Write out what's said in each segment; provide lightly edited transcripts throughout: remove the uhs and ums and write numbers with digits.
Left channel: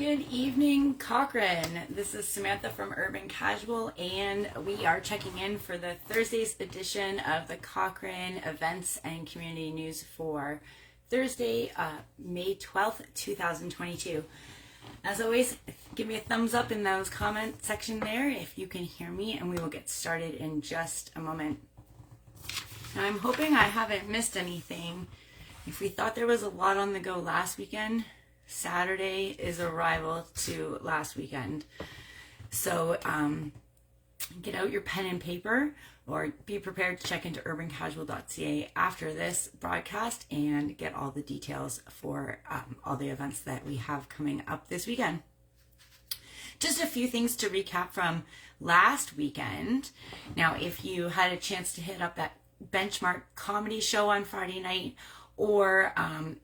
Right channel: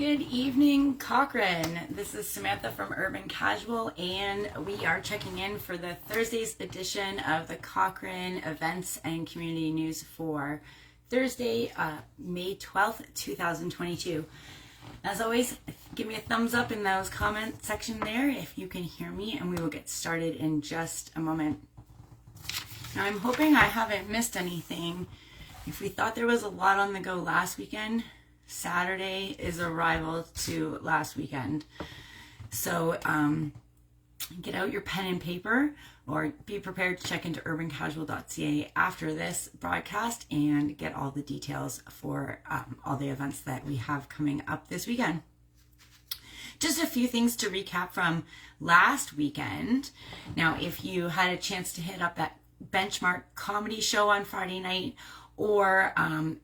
Good evening, Cochrane. This is Samantha from Urban Casual, and we are checking in for the Thursday's edition of the Cochrane Events and Community News for Thursday, May 12th, 2022. As always, give me a thumbs up in those comment section there if you can hear me, and we will get started in just a moment. Now, I'm hoping I haven't missed anything. If we thought there was a lot on the go last weekend, Saturday is a rival to last weekend. So get out your pen and paper, or be prepared to check into urbancasual.ca after this broadcast and get all the details for all the events that we have coming up this weekend. Just a few things to recap from last weekend. Now, if you had a chance to hit up that Benchmark comedy show on Friday night, or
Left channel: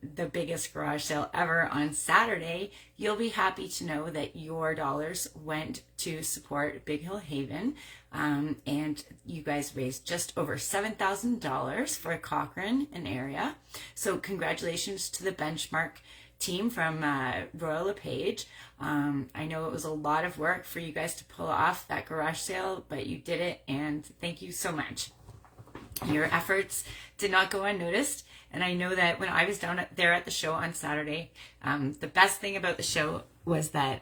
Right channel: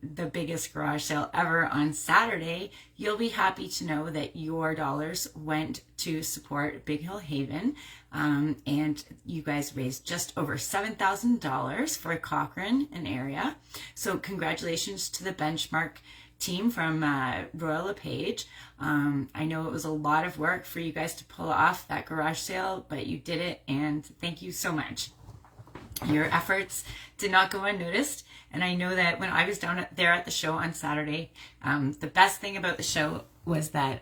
the biggest garage sale ever on Saturday, you'll be happy to know that your dollars went to support Big Hill Haven, and you guys raised just over $7,000 for Cochrane and area. So congratulations to the Benchmark team from Royal Lepage. I know it was a lot of work for you guys to pull off that garage sale, but you did it, and thank you so much. Your efforts did not go unnoticed, and I know that when I was down there at the show on Saturday, the best thing about the show was that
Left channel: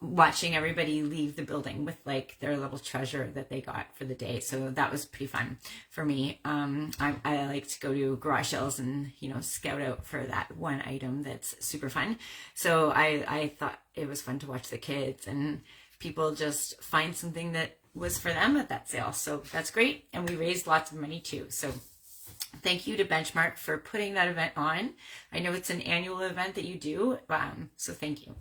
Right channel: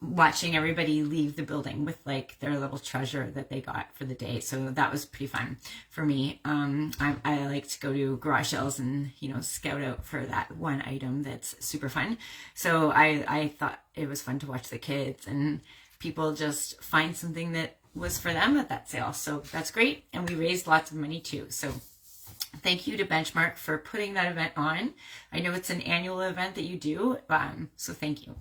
watching everybody leave the building with like their little treasure that they got for the day. So that was pretty fun for me. I like to go to garage sales and scout out for that one item that's super fun. So I thought it was fun to watch the kids and people just find something that was for them at that sale. So that's great. And we raised lots of money too. So thank you to Benchmark for putting that event on. I know it's an annual event that you do. So thank you.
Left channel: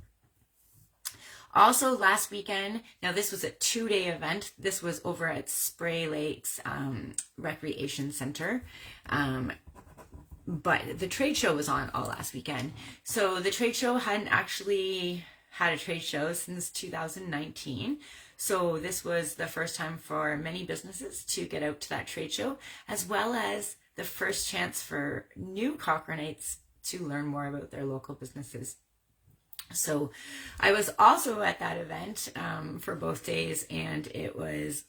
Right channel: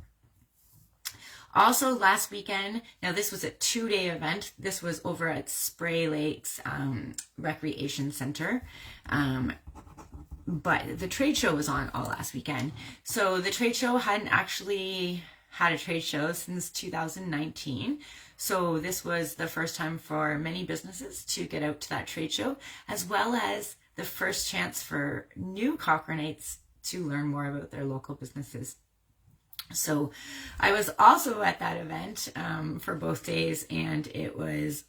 Also last weekend, now this was a 2-day event. This was over at Spray Lakes Recreation Center. But the trade show was on all last weekend. So the trade show hadn't actually had a trade show since 2019. So this was the first time for many businesses to get out to that trade show, as well as the first chance for new Cochranites to learn more about their local businesses. So I was also at that event for both days, and it was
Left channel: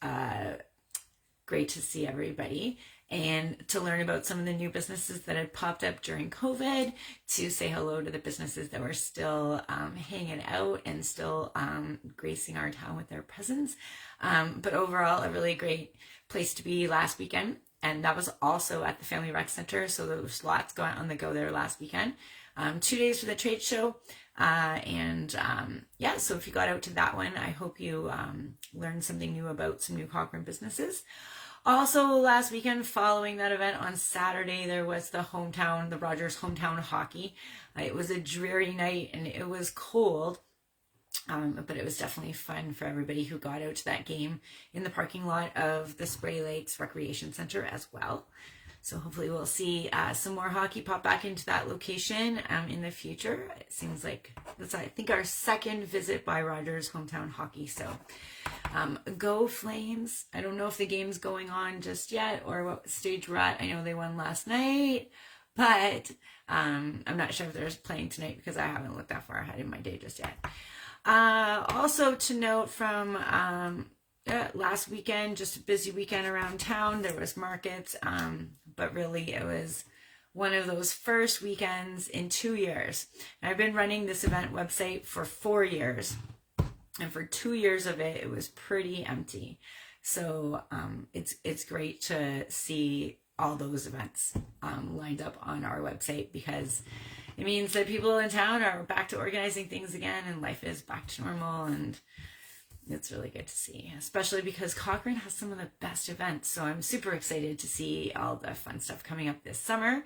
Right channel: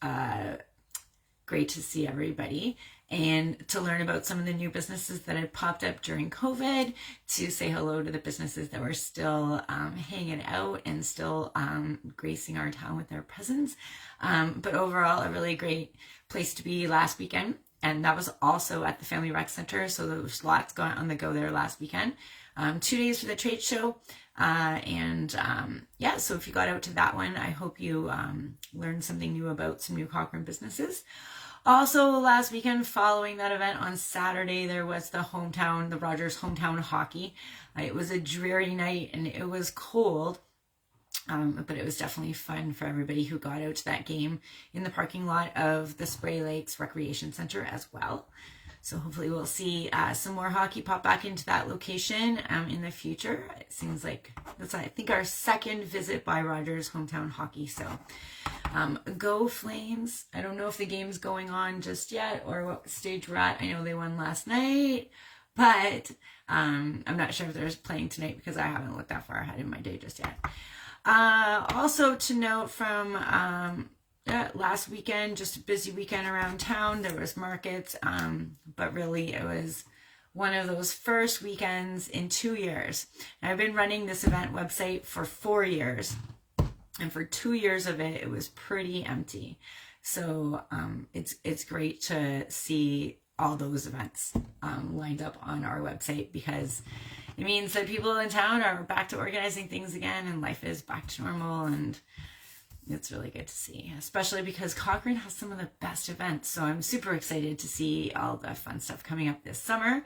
great to see everybody and to learn about some of the new businesses that had popped up during COVID, to say hello to the businesses that were still hanging out and still gracing our town with their presence. But overall, a really great place to be last weekend. And that was also at the Family Rec Center. So there was lots going on the go there last weekend. 2 days for the trade show. So if you got out to that one, I hope you learned something new about some new Cochrane businesses. Also last weekend, following that event on Saturday, there was the Rogers hometown hockey. It was a dreary night and it was cold, but it was definitely fun for everybody who got out to that game in the parking lot of the Spray Lakes Recreation Center as well. So hopefully we'll see some more hockey pop back into that location in the future. It seems like that's, I think, our second visit by Rogers hometown hockey. So go Flames. I don't know if the game's going on just yet or what stage we're at. I know they won last night, but I'm not sure if they're playing tonight because I haven't looked that far ahead in my day just yet. Also to note from last weekend, just a busy weekend around town. There was markets, but really it was one of those first weekends in 2 years. Now, I've been running this event website for 4 years, and for 2 years of it, it was pretty empty. So it's great to see all those events lined up on our website, because it means that people in town are back to organizing things again, and life is back to normal, and it's really good to see, especially because Cochrane has some of the best events. So I'm super excited to see all the fun stuff coming up this summer.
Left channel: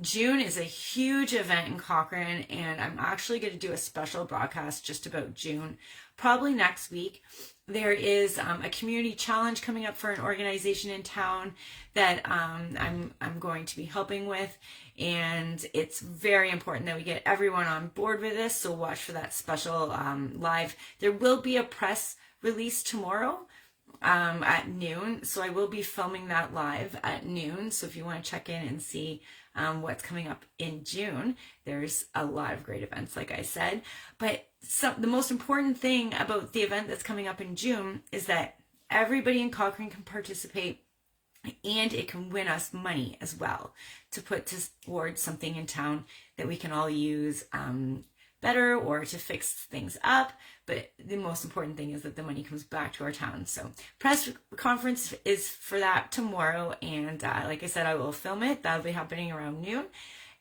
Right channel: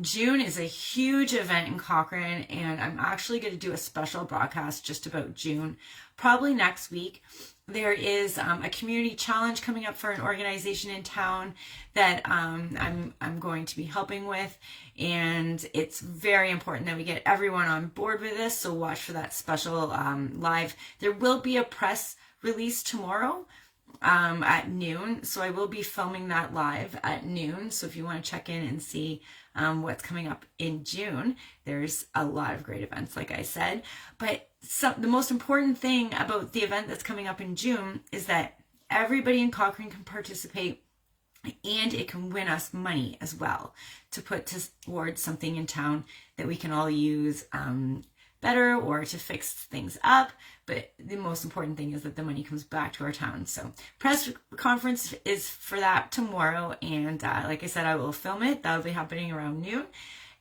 June is a huge event in Cochrane, and I'm actually going to do a special broadcast just about June, probably next week. There is a community challenge coming up for an organization in town that I'm going to be helping with, and it's very important that we get everyone on board with this. So watch for that special live. There will be a press release tomorrow at noon. So I will be filming that live at noon. So if you want to check in and see what's coming up in June, there's a lot of great events, like I said. But the most important thing about the event that's coming up in June is that everybody in Cochrane can participate, and it can win us money as well to put towards something in town that we can all use better or to fix things up. But the most important thing is that the money comes back to our town. So press conference is for that tomorrow. And like I said, I will film it. That'll be happening around noon.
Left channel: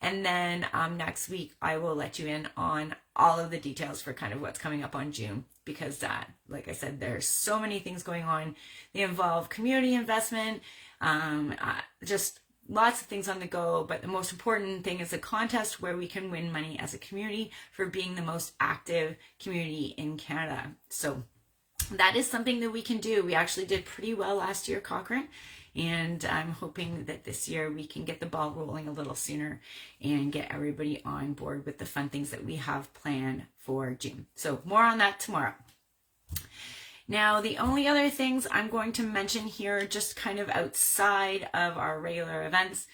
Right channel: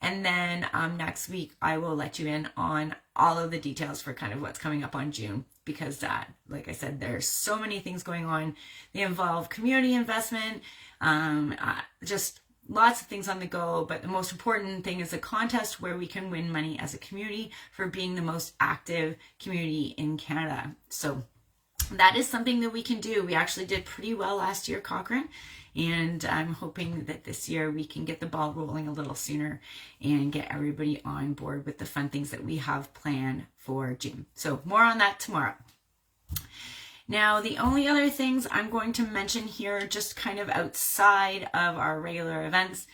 And then next week, I will let you in on all of the details for kind of what's coming up on June, because like I said, there's so many things going on. They involve community investment, just lots of things on the go. But the most important thing is a contest where we can win money as a community for being the most active community in Canada. So that is something that we can do. We actually did pretty well last year, Cochrane. And I'm hoping that this year we can get the ball rolling a little sooner and get everybody on board with the fun things that we have planned for June. So more on that tomorrow. Now, the only other things I'm going to mention here, just kind of outside of our regular events,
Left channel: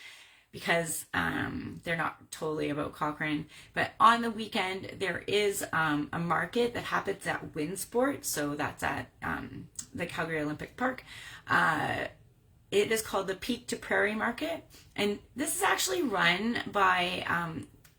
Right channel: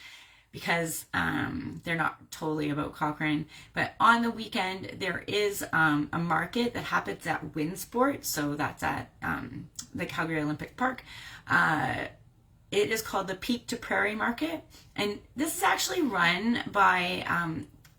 because they're not totally about Cochrane, but on the weekend there is a market that happens at Winsport. So that's at the Calgary Olympic Park. It is called the Peak to Prairie Market, and this is actually run by,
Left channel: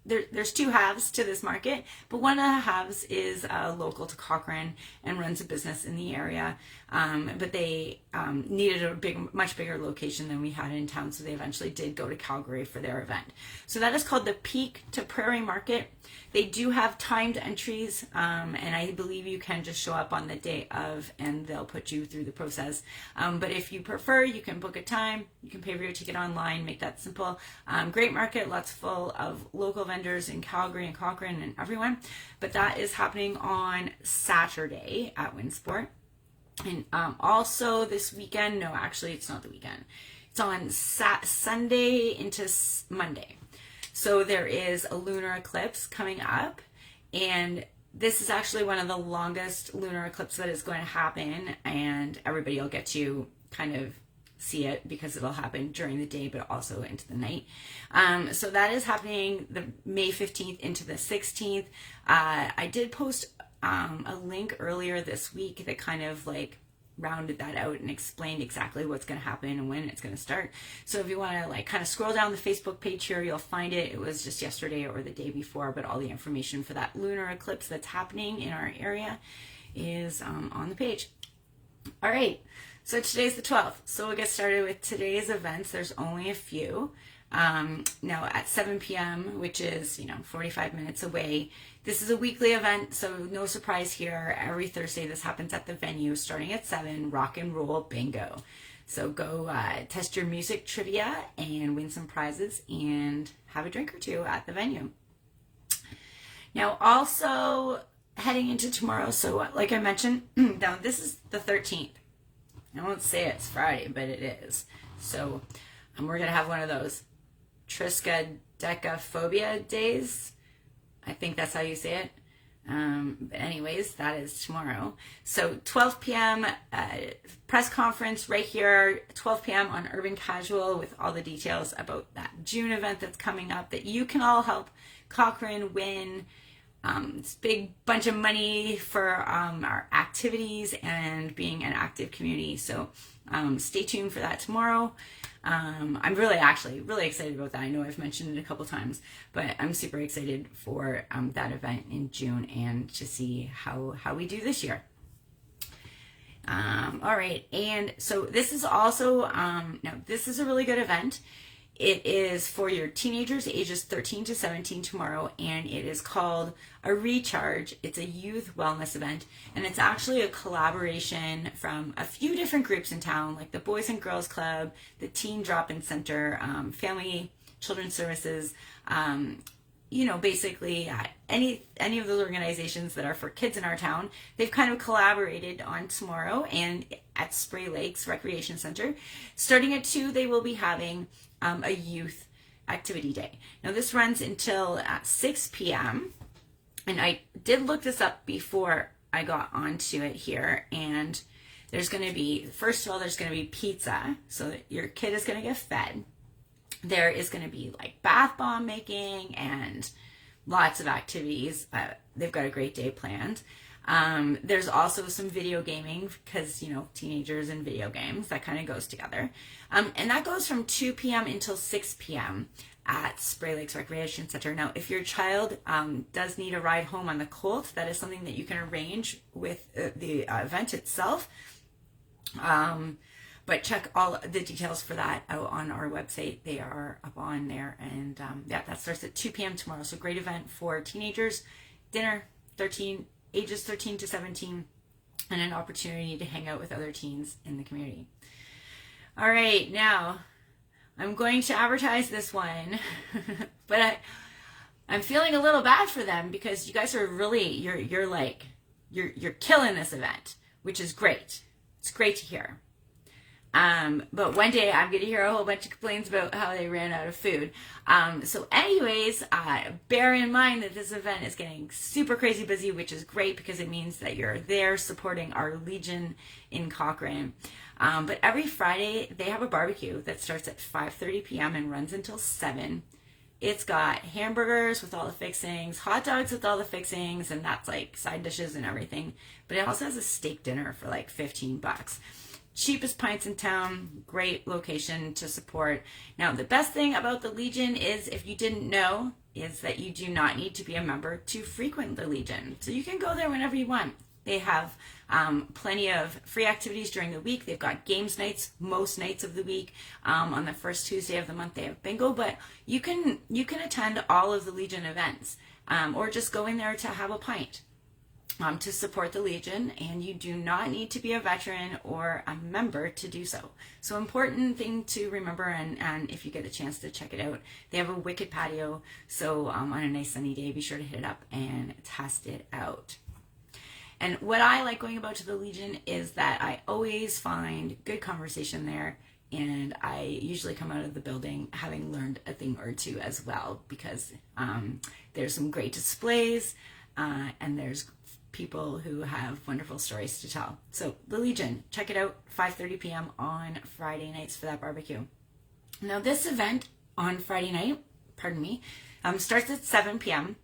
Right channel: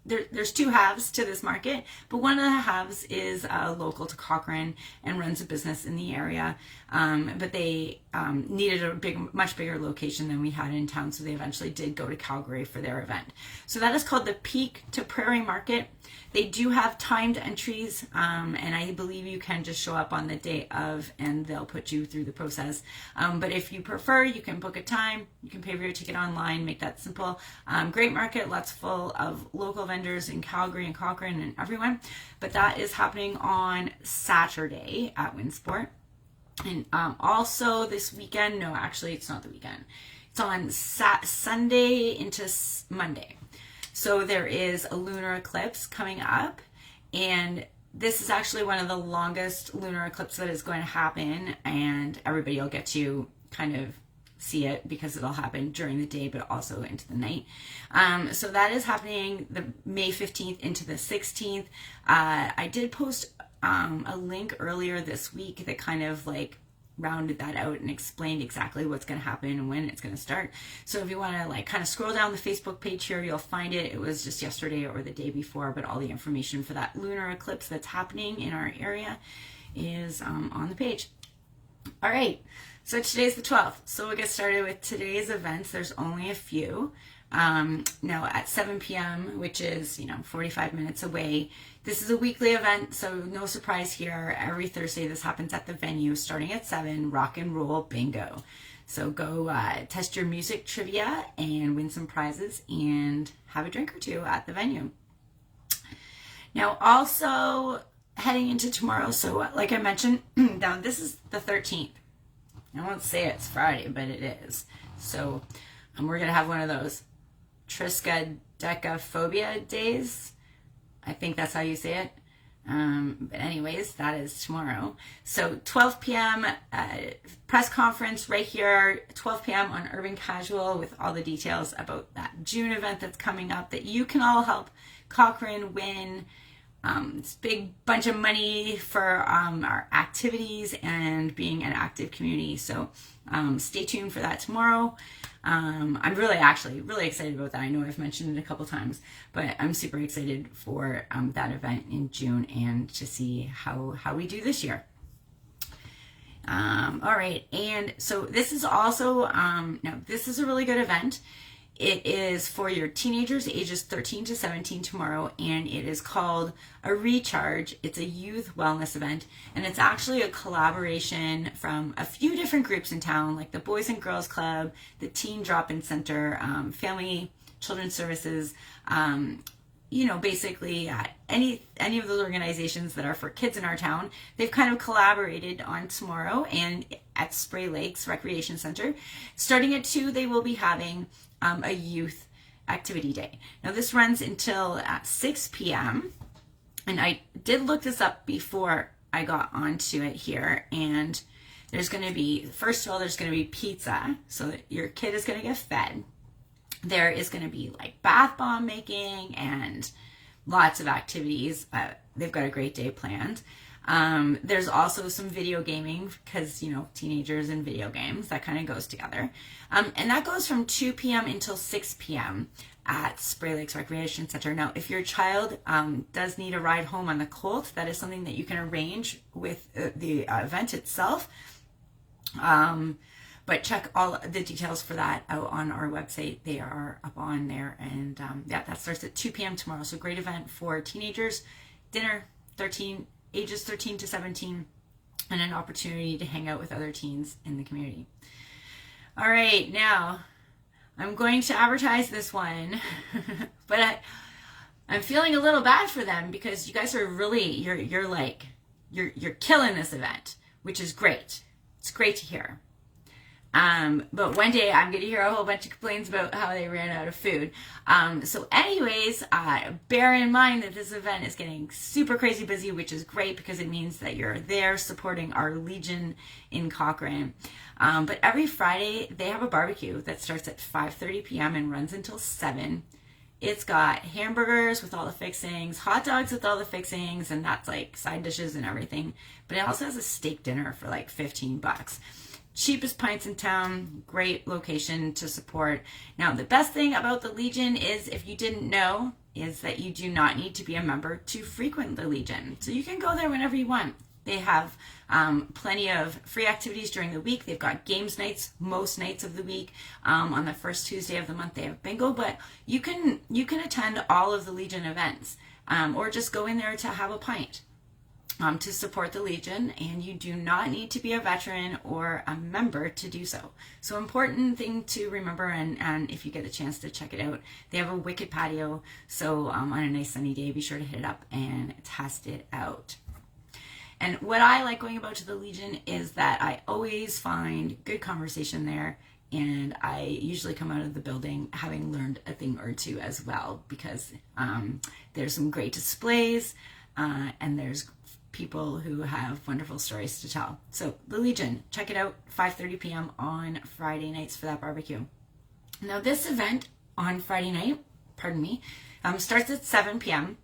there's two halves to this market, but one of the halves is local to Cochrane and runs a business in the area, but they needed a much bigger location than we had in town, so they eventually did go to Calgary for their event. So that is called the Peak to Prairie Market. They do have timed entries, and I believe you can just show up on the day of and they'll put you through the process. But if you prefer, you can book a time, you can pay for your ticket online, make that simple. Great market, lots full of local vendors in Calgary and Cochrane and everyone. But that is happening on Saturday at Winsport. And also this weekend, no, actually it's not the weekend. It's on Sunday into Monday. So there is a lunar eclipse coming up, and this is actually one of the longest lunar eclipses that is going to happen, and everybody will get to kind of see it because it'll happen during the day but also into the night. So that is happening the May 15th into the 16th. I did post a link earlier this week that kind of like rounded that out and explained exactly what's going to happen and when it's going to start. So if you want to like kind of scroll down the Facebook page here, you'll find it. It was just yesterday or the day before, but all the information for that lunar eclipse that's happening in our area is on the page. All right, so today's the 12th. So we'll get started with today's events. There's only a few. Now at 7 p.m., which is, 45 minutes away. This is a weekly event, so no surprise here. Every Thursday, this happens at the venue starting at 7, rock and roll bingo. So go test your music trivia and win some prizes and have a drink or two at the venue. Now, also heading into tomorrow, so like I mentioned, now this is the 13th. I won't say it's Friday, but it is. So we're going to have one of those triskaidekaphobia days. I think that's how you say it. But anyways, that is tomorrow. So 12 p.m. Press conference right here, 12 p.m. on Urban Casual with all the details about that June event that's coming up that you can all help Cochrane win. This big bunch of money for our activities and being an active community. So stay tuned for that tomorrow. I'm really excited about that. I know I've mentioned it a couple times, but I'm super excited for that event in June and to see how we do this year. All right, and so this is also, now this is a really good event. It is for your teenagers ages 13 to 17 tomorrow, and it is called A Recharge. It's a youth wellness event, and it's actually a collaboration from a few different groups in town, like the Boys and Girls Club, the Teen Drop-In Center, Family Children's Services, basically any of those organizations that are for kids in our town. They've kind of collaborated on tomorrow and at Spray Lakes Recreation Center. Starting at 2, they will be having a youth activity day. Now this runs until 6 p.m. and I did look this up before I got onto it here, and There's going to be, first of all, there's going to be pizza, so that your kid is going to get fed. There is going to be like bath bomb making and lots of activities. They've got a great day planned. There's also some video gaming because, you know, teenagers and video games, that kind of goes together. And that goes from 2 p.m. until 6 p.m. at Spray Lakes Recreation Center. Now, if your child does need a ride home on the Colt, that is something that you can arrange with the event itself. But check all the details for that out on our website. They are up on there. And yeah, that starts at 2 p.m. tomorrow. So great event for teenagers, dinner, ages 13 to 17, and an opportunity to hang out with other teens in the community. All right, now I'm going to advertise this one, but I'm feeling a little bad for them because you guys are really, you're killing this event, which is great. It's great to hear. But one day I'm going to hear a whole bunch of complaints about how they ran out of food. So anyways, bear in mind that this event is getting super crazy busy, which is great because it means that you're there supporting our Legion in Cochrane. But every Friday they have a barbecue that starts at 5:30 p.m. and runs until 7. It's got hamburgers with all the fixings, hot dogs with all the fixings, and that's like side dishes and everything. But it also has a steak dinner for like $15. Cheapest pints in town, great location to support. Now, the best thing about the Legion is, if you didn't know, is that you do not need to be a member to frequent the Legion. So you can go there whenever you want. They have plenty of free activities during the week. They've got games nights most nights of the week. On the first Tuesday of the month, they have bingo, but you can attend all of the Legion events, or just go in there to have a pint. To support the Legion, and you do not need to be a veteran or a member to do so. So important thing to remember, and if you get a chance to check it out, they have a wicked patio, so on a nice sunny day, be sure to hit it up and test it out. And what I like going about to the Legion is that I always find good conversation there, and I usually come out of the building having learned a thing or two as well, because there's some great displays, and there's people who have wonderful stories to tell. So the Legion, check it out, 5:30 p.m. on Friday nights for that barbecue. Now this event on Friday night, starts at 7 p.m.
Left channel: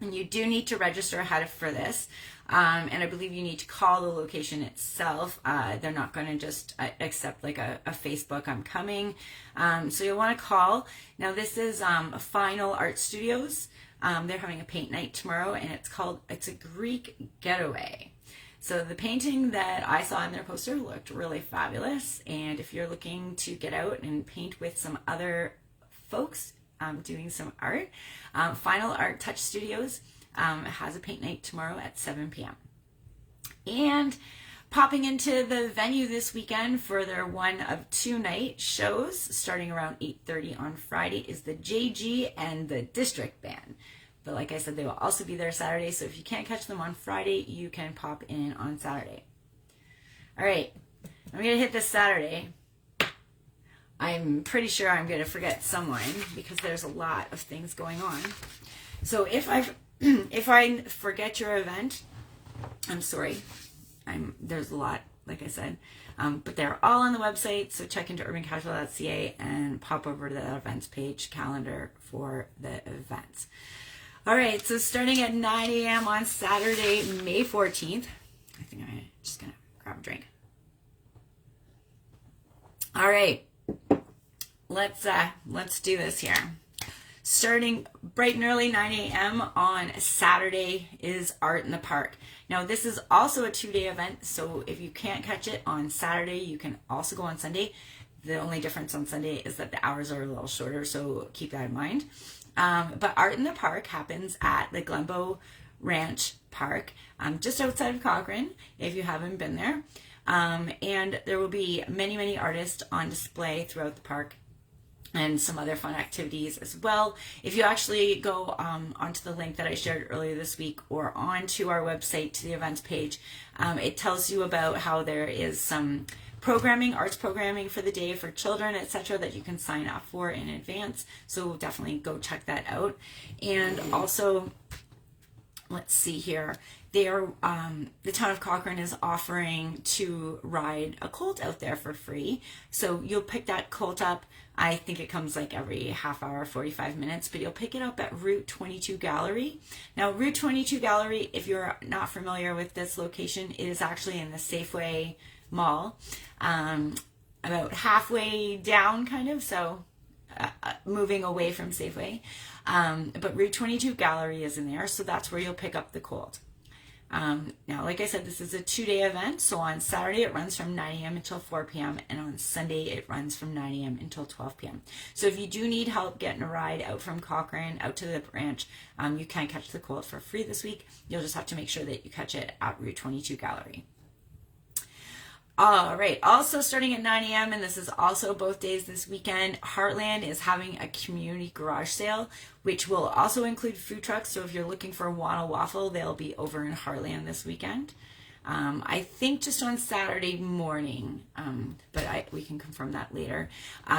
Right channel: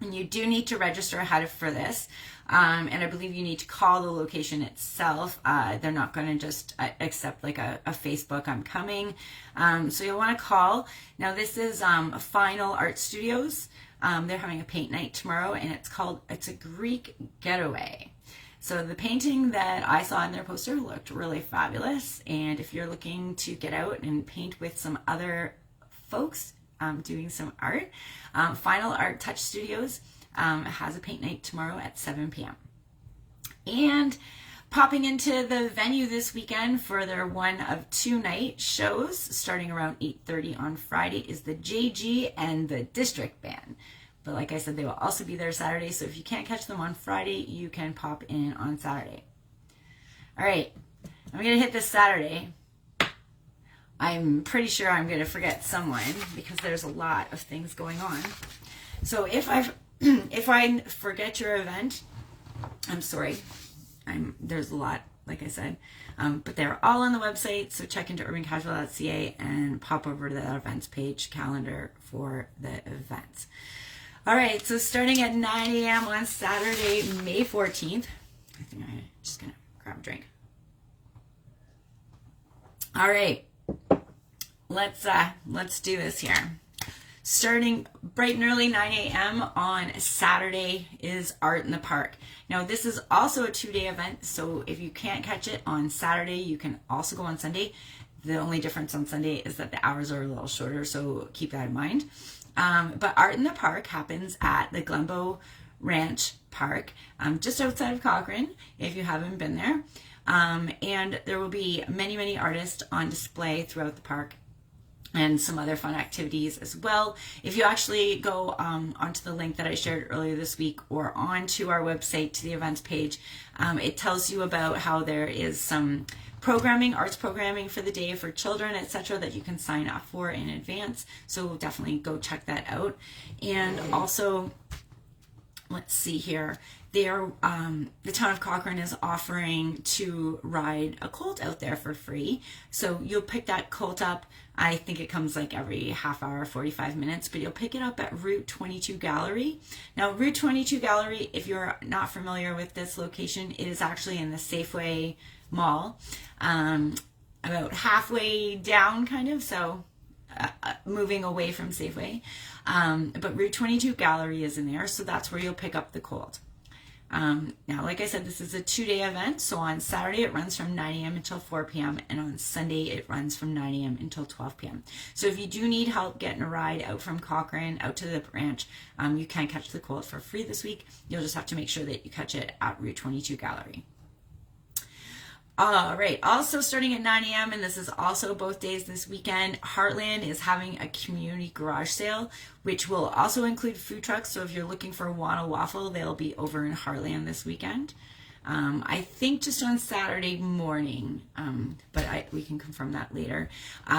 and you do need to register ahead for this. And I believe you need to call the location itself. They're not going to just accept like a Facebook, I'm coming. So you'll want to call. Now this is Final Art Studios. They're having a paint night tomorrow, and it's a Greek getaway. So the painting that I saw in their poster looked really fabulous. And if you're looking to get out and paint with some other folks doing some art, Final Art Touch Studios has a paint night tomorrow at 7 p.m. And popping into the venue this weekend for their one of 2 night shows starting around 8:30 on Friday is the JG and the District Band. But like I said, they will also be there Saturday, so if you can't catch them on Friday, you can pop in on Saturday. All right, I'm going to hit this Saturday. I'm pretty sure I'm going to forget someone because there's a lot of things going on. So if I forget your event, I'm sorry. There's a lot, like I said, but they're all on the website, so check into urbancasual.ca and pop over to that events page calendar for the events. All right, so starting at 9 a.m. on Saturday, May 14th, I think I'm just gonna grab a drink. All right, let's do this here. Starting bright and early, 9 a.m. on Saturday is Art in the Park. Now, this is also a 2-day event, so if you can't catch it on Saturday, you can also go on Sunday. The only difference on Sunday is that the hours are a little shorter, so keep that in mind. But Art in the Park happens at the Glenbow Ranch Park, just outside of Cochrane, if you haven't been there. And there will be many, many artists on display throughout the park, and some other fun activities as well. If you actually go onto the link that I shared earlier this week or onto our website to the events page, it tells you about how there is some programming, arts programming for the day for children, etc., that you can sign up for in advance. So definitely go check that out. And also, let's see here, the town of Cochrane is offering to ride a colt out there for free. So you'll pick that colt up. I think it comes like every half hour, 45 minutes, but you'll pick it up at Route 22 Gallery. Now, Route 22 Gallery, if you're not familiar with this location, it is actually in the Safeway Mall, about halfway down, kind of. So moving away from Safeway. But Route 22 Gallery is in there, so that's where you'll pick up the colt. Now, like I said, this is a 2-day event. So on Saturday, it runs from 9 a.m. until 4 p.m. And on Sunday, it runs from 9 a.m. until 12 p.m. So if you do need help getting a ride out from Cochrane, out to the ranch, you can catch the colt for free this week. You'll just have to make sure that you catch it at Route 22 Gallery. All right, also starting at 9 a.m., and this is also both days this weekend, Heartland is having a community garage sale, which will also include food trucks. So if you're looking for Wana Waffle, they'll be over in Heartland this weekend. I think just on Saturday morning, but we can confirm that later.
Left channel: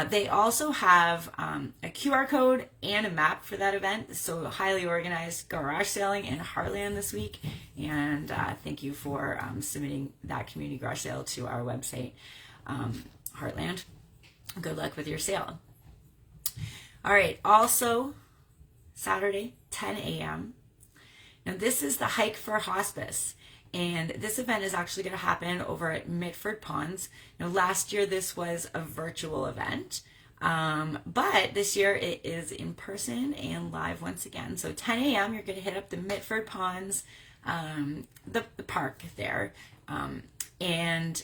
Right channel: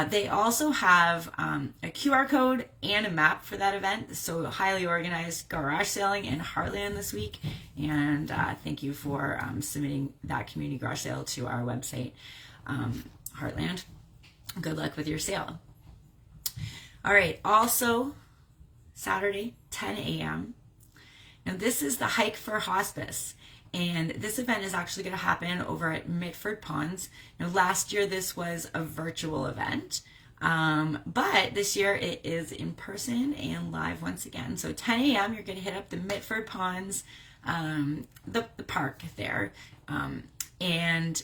They also have a QR code and a map for that event. So highly organized garage sailing in Heartland this week. And thank you for submitting that community garage sale to our website, Heartland. Good luck with your sale. All right, also Saturday, 10 a.m. Now this is the Hike for Hospice. And this event is actually going to happen over at Mitford Ponds. Now, last year this was a virtual event, but this year it is in person and live once again. So 10 a.m. you're going to hit up the Mitford Ponds, the park there, and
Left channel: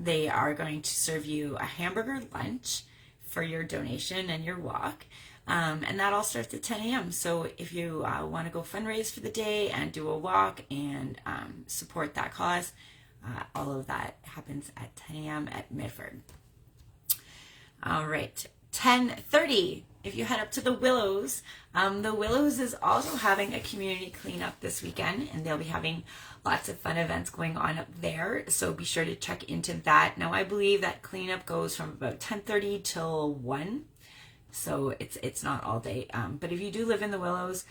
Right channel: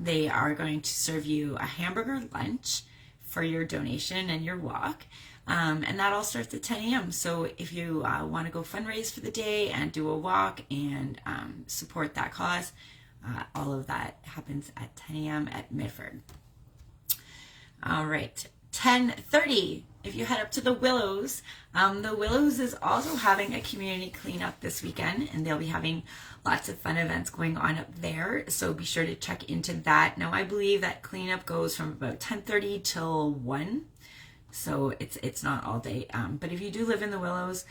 they are going to serve you a hamburger lunch for your donation and your walk. And that all starts at 10 a.m. So if you want to go fundraise for the day and do a walk and support that cause, all of that happens at 10 a.m. at Mitford. All right, 10:30. If you head up to the Willows is also having a community cleanup this weekend, and they'll be having lots of fun events going on up there. So be sure to check into that. Now, I believe that cleanup goes from about 10:30 till 1. So it's not all day, but if you do live in the Willows,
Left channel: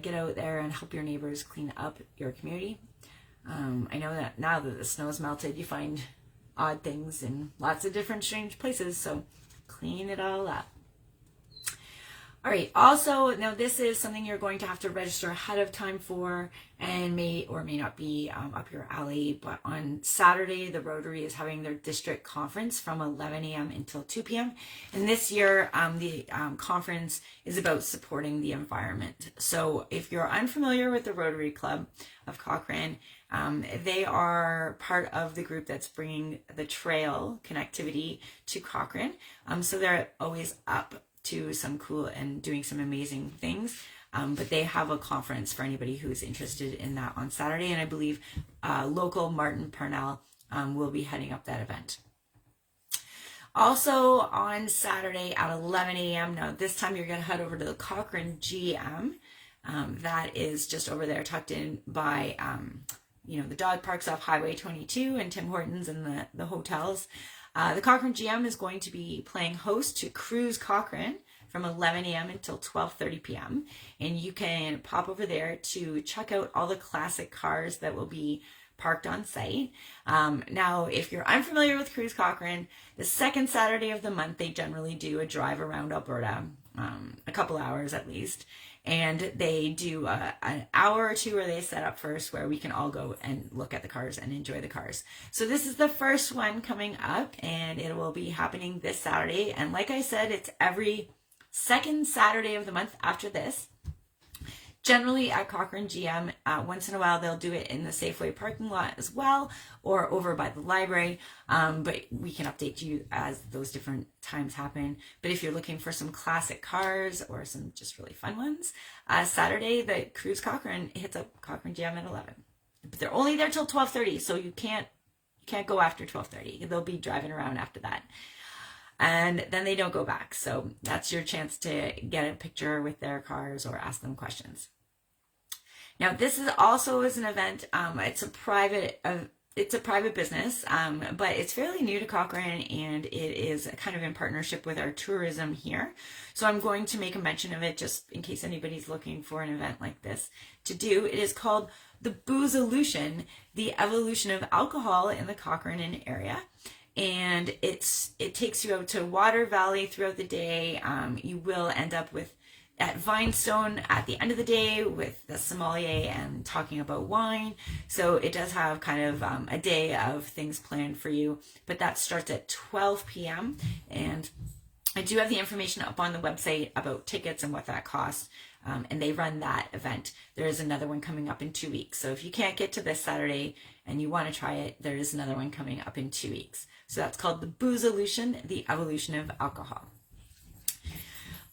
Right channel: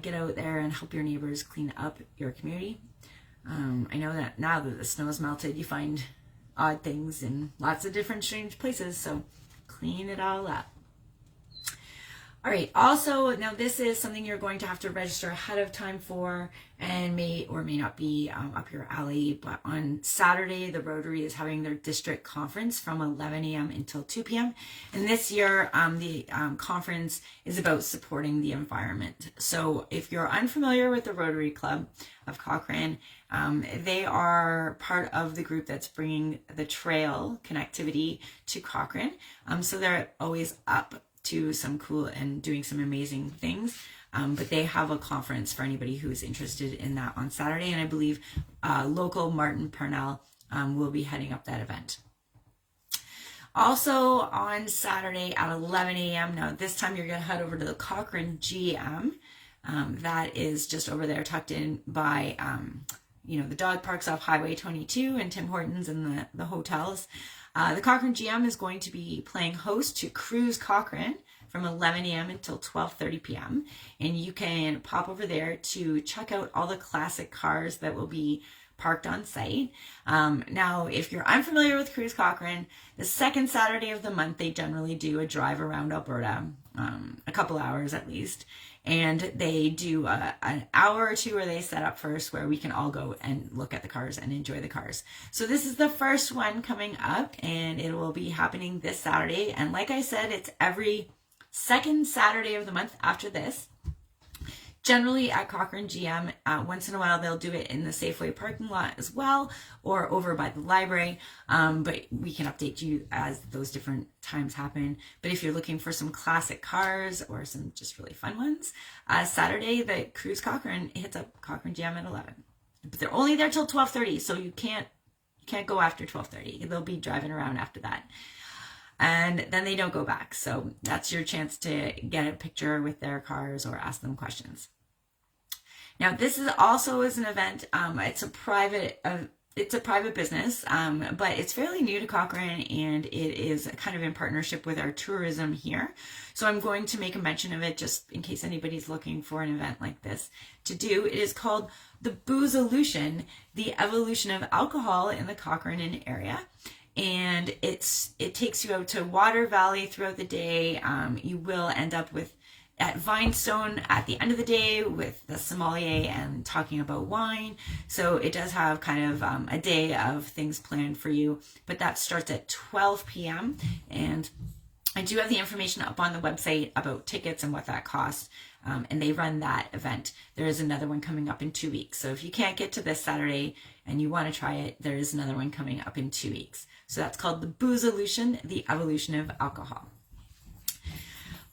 get out there and help your neighbors clean up your community. I know that now that the snow has melted, you find odd things in lots of different strange places, so clean it all up. All right, also, now this is something you're going to have to register ahead of time for, and may or may not be up your alley, but on Saturday, the Rotary is having their district conference from 11 a.m. until 2 p.m. And this year, the conference is about supporting the environment. So if you're unfamiliar with the Rotary Club of Cochrane, they are part of the group that's bringing the trail connectivity to Cochrane. So they're always up to some cool and doing some amazing things. But they have a conference for anybody who's interested in that on Saturday. And I believe local Martin Purnell will be heading up that event. Also on Saturday at 11 a.m. Now this time you're going to head over to the Cochrane GM. That is just over there tucked in by, the dog parks off Highway 22 and Tim Hortons and the hotels. The Cochrane GM is going to be playing host to Cruise Cochrane from 11 a.m. until 12:30 p.m. And you can pop over there to check out all the classic cars that will be parked on site. Now, if you're unfamiliar with Cruise Cochrane, the second Saturday of the month, they generally do a drive around Alberta, a couple hours at least. And they do an hour or two where they set up first where we can all go and look at the cars and enjoy the cars. So this is the first one coming up, and it will be happening this Saturday. And like I said, it's every second Saturday of the month after this. Generally at Cochrane GM, once in a while they'll do it in the Safeway parking lot as well, or over by the library, but we can update you as those different times happen. But if you're looking for some classic cars or some just really fun ones, Saturday the Cruise Cochrane hits up Cochrane GM at 11. But they're only there till 12:30, so you can't go after 12:30. They'll be driving around after that. And then they don't go back. So that's your chance to get a picture with their cars or ask them questions. Now, this is also an event. It's a private it's a private business, but it's fairly new to Cochrane, and it is kind of in partnership with our tourism here. So I'm going to make a mention of it just in case anybody's looking for an event like this to do. It is called the Boozolution, the evolution of alcohol in the Cochrane area. And it takes you out to Water Valley throughout the day. You will end up at Vinestone at the end of the day with the sommelier and talking about wine. So it does have kind of a day of things planned for you, but that starts at 12 p.m. And I do have the information up on the website about tickets and what that costs. And they run that event. There is another one coming up in 2 weeks. So if you can't get to this Saturday and you want to try it, there is another one coming up in 2 weeks. So that's called the Boozolution, the evolution of alcohol.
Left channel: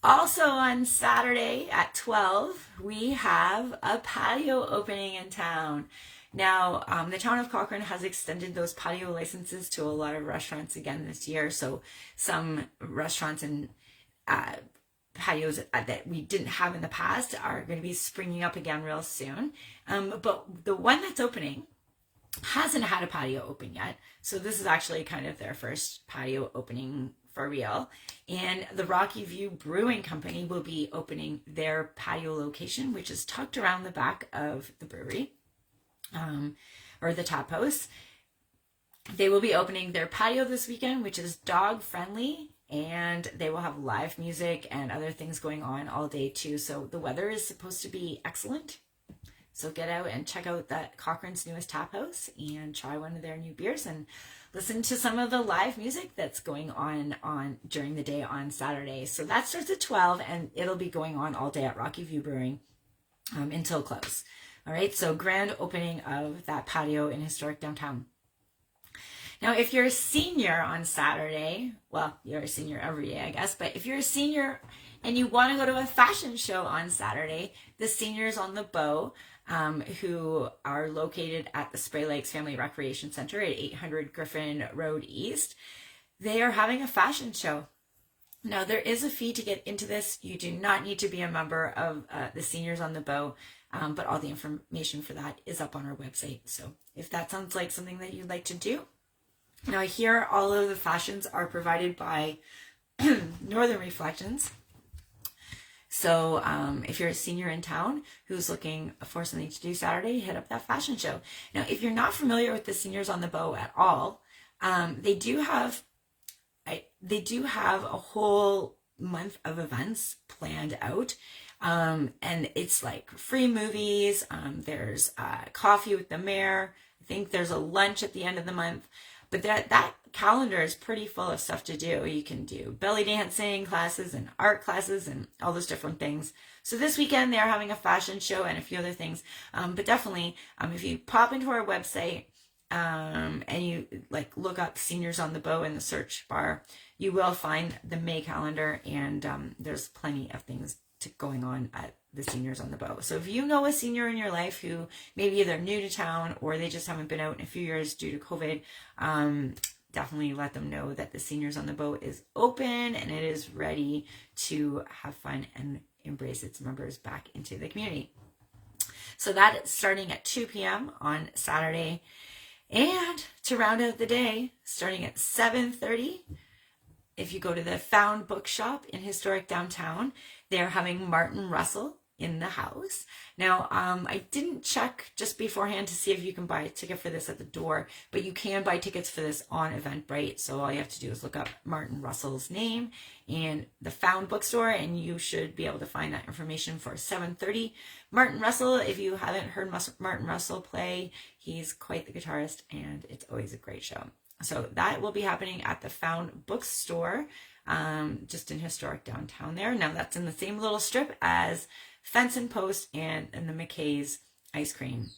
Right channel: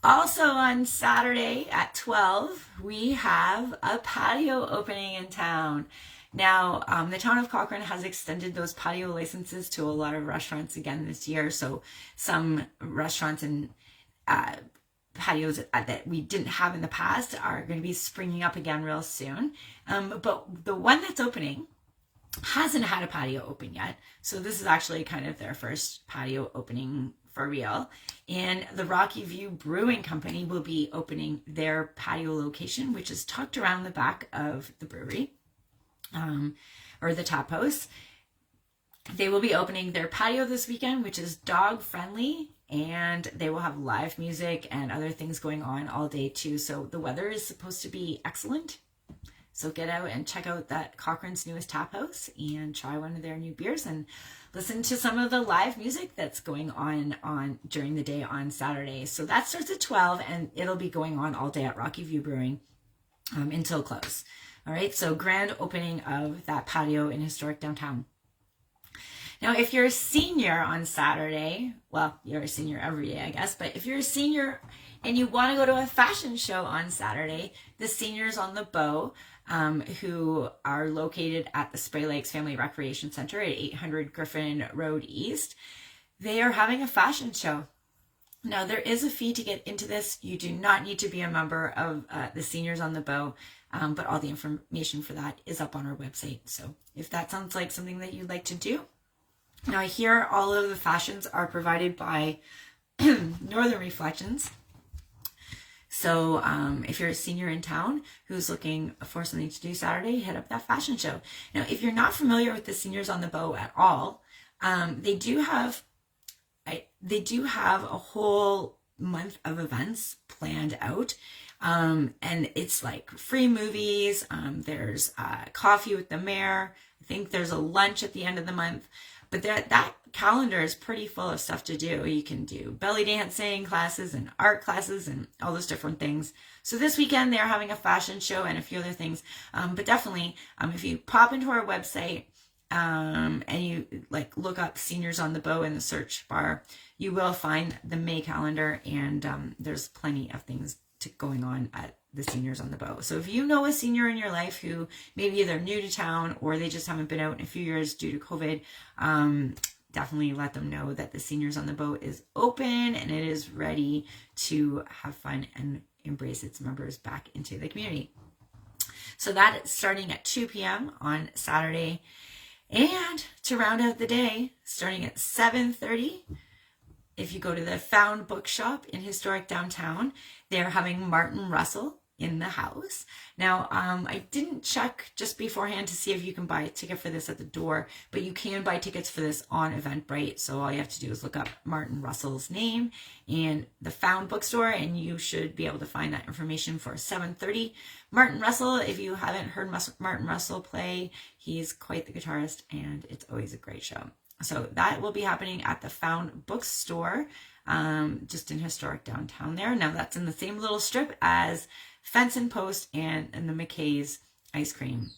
Also on Saturday at 12, we have a patio opening in town. Now, the town of Cochrane has extended those patio licenses to a lot of restaurants again this year. So some restaurants and patios that we didn't have in the past are going to be springing up again real soon. But the one that's opening hasn't had a patio open yet. So this is actually kind of their first patio opening for real. And the Rocky View Brewing Company will be opening their patio location, which is tucked around the back of the brewery, or the tap house. They will be opening their patio this weekend, which is dog friendly, and they will have live music and other things going on all day too. So the weather is supposed to be excellent. So get out and check out that Cochrane's newest tap house and try one of their new beers and listen to some of the live music that's going on during the day on Saturday. So that starts at 12 and it'll be going on all day at Rocky View Brewing until close. All right, so grand opening of that patio in historic downtown. Now, if you're a senior on Saturday, well, you're a senior every day, I guess, but if you're a senior and you want to go to a fashion show on Saturday, the Seniors on the Bow, who are located at the Spray Lakes Family Recreation Center at 800 Griffin Road East, they are having a fashion show. Now, there is a fee to get into this. You do not need to be a member of the Seniors on the Bow, but all the information for that is up on our website. So if that sounds like something that you'd like to do. Now, here all of the fashions are provided by Northern Reflections. So if you're a senior in town who's looking for something to do Saturday, hit up that fashion show. Now, if you're not familiar with the Seniors on the Bow at all, they do have a whole month of events planned out. And it's like free movies. There's coffee with the mayor. I think there's a lunch at the end of the month. But that calendar is pretty full of stuff to do. You can do belly dancing classes and art classes and all those different things. So this weekend they're having a fashion show and a few other things. But definitely, if you pop into our website and you look up Seniors on the Bow in the search bar, you will find the May calendar, and there's plenty of things going on at the Seniors on the Bow. So if you know a senior in your life who maybe they're new to town or they just haven't been out in a few years due to COVID, definitely let them know that the Seniors on the Bow is open and it is ready to have fun and embrace its members back into the community. So that is starting at 2 p.m. on Saturday. And to round out the day, starting at 7:30, if you go to the Found Bookshop in historic downtown, they're having Martin Russell in the house. Now, I didn't check just beforehand to see if you can buy a ticket for this at the door, but you can buy tickets for this on Eventbrite. So all you have to do is look up Martin Russell's name and the Found Bookstore, and you should be able to find that information for 7:30. Martin Russell, if you haven't heard Martin Russell play, he's quite the guitarist, and it's always a great show. So that will be happening at the Found Bookstore, just in historic downtown there. Now that's in the same little strip as Fence and Post and the McKay's Ice Cream.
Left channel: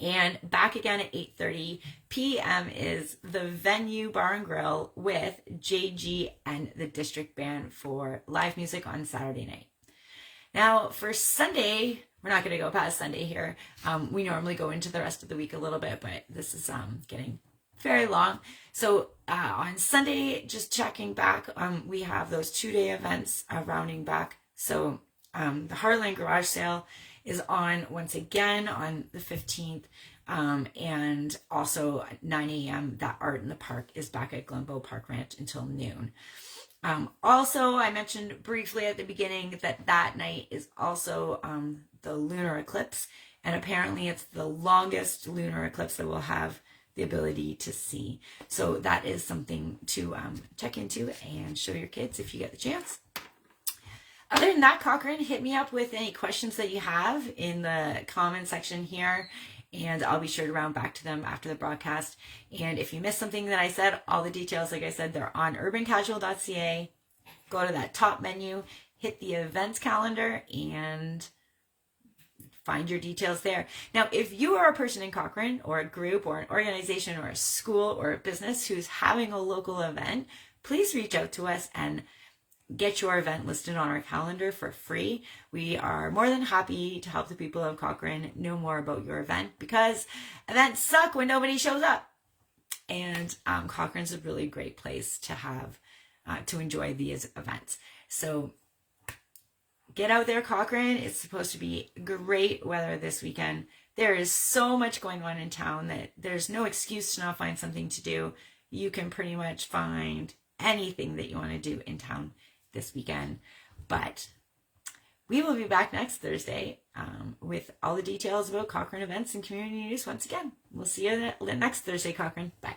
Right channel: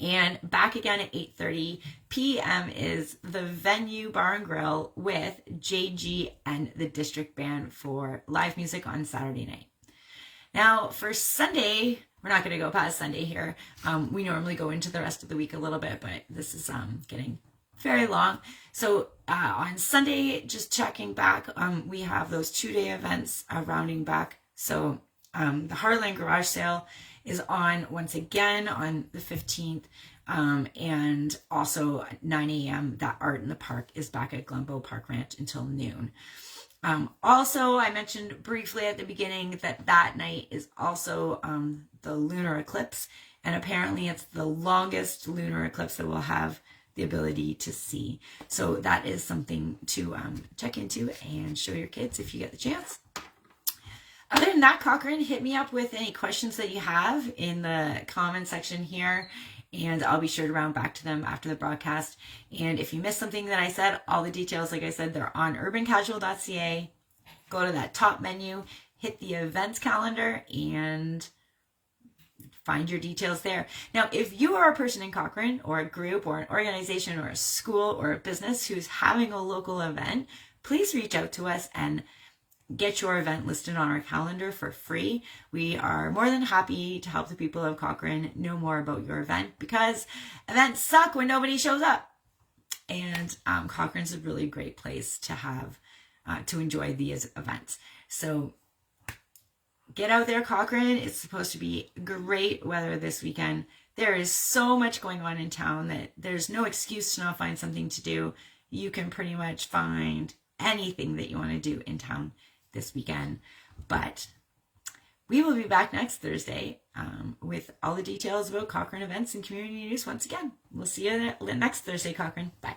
And back again at 8:30 p.m. is the Venue Bar and Grill with JG and the District Band for live music on Saturday night. Now for Sunday, we're not going to go past Sunday here. We normally go into the rest of the week a little bit, but this is getting very long. So on Sunday, just checking back, we have those 2-day events rounding back. So the Heartland garage sale is on once again on the 15th. And also 9 a.m. that Art in the Park is back at Glenbow Park Ranch until noon. Also, I mentioned briefly at the beginning that night is also the lunar eclipse, and apparently it's the longest lunar eclipse that we'll have the ability to see. So that is something to check into and show your kids if you get the chance. Other than that, Cochrane, hit me up with any questions that you have in the comment section here, and I'll be sure to round back to them after the broadcast. And if you missed something that I said, all the details, like I said, they're on urbancasual.ca. Go to that top menu, hit the events calendar, and find your details there. Now, if you are a person in Cochrane, or a group, or an organization, or a school, or a business who's having a local event, please reach out to us and get your event listed on our calendar for free. We are more than happy to help the people of Cochrane know more about your event, because events suck when nobody shows up. And Cochrane's a really great place to have, to enjoy these events. So get out there, Cochrane. It's supposed to be great weather this weekend. There is so much going on in town that there's no excuse to not find something to do. You can pretty much find anything that you want to do in town this weekend. But we will be back next Thursday with all the details about Cochrane events and community news once again. We'll see you next Thursday, Cochrane. Bye.